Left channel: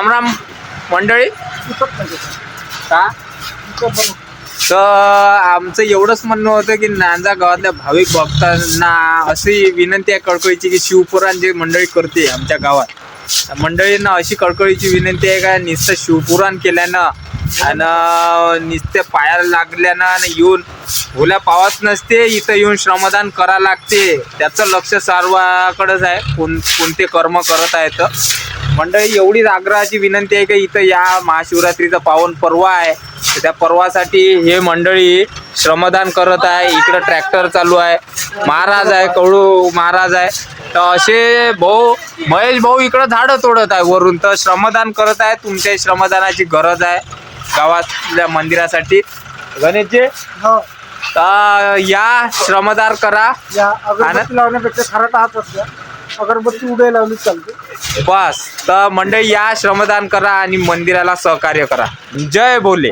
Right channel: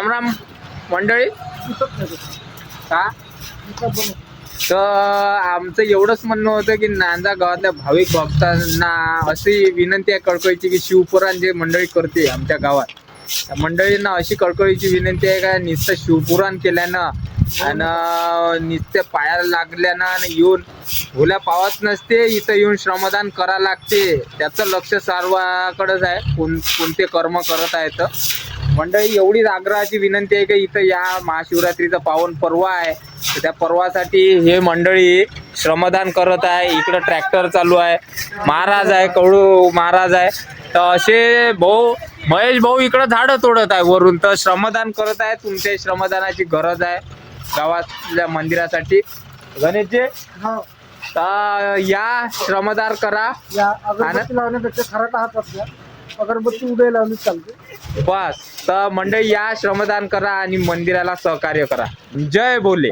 राम राम मंडळी. का तर आमचं एवढंच म्हणणं होतं की नांजा गावातल्या भाविक भक्तांना अशी विनंती आहे कळकळीची की शिवपुराण जे मंडळी करते आमच्या गावात मंडळींना अशी कळकळीची विनंती आहे का नुसतं शिवपुराण केल्यानं आणि नुसते पायाला लागल्यानं आणि येऊन भोल्या पावत नसते, इथं येऊन श्रमदान करा लागते. त्याचं लक्ष सर्वाकडेच आहे, कोणते कर्म करत आहेत. मंडळी एवढीच आग्रहाची विनंती आहे की इथं या महाशिवरात्रीचा पावन पर्व आहे, त्या पर्वासाठी हे मंडळी श्रमदान करत आहे. इकडं ट्रॅक्टर चालू आहे, महाराज आहे, कवळू महाराज आहे. तर असे भाऊ महेश भाऊ इकडं झाडं तोडत आहे वरून, तर श्रमदान करत आहे. तुमच्या श्रमदानाची गरज आहे गावातल्या मंदिरासाठी. गणेशजी तर या श्रमदान करा. अगरबत्ती लावण्यापेक्षा खराटा हात असल्या अगरबत्ती उडे लावली चालते बस. तर मंडळी या श्रमदान करा आणि मंदिराला सहकार्य करा. जय बोले.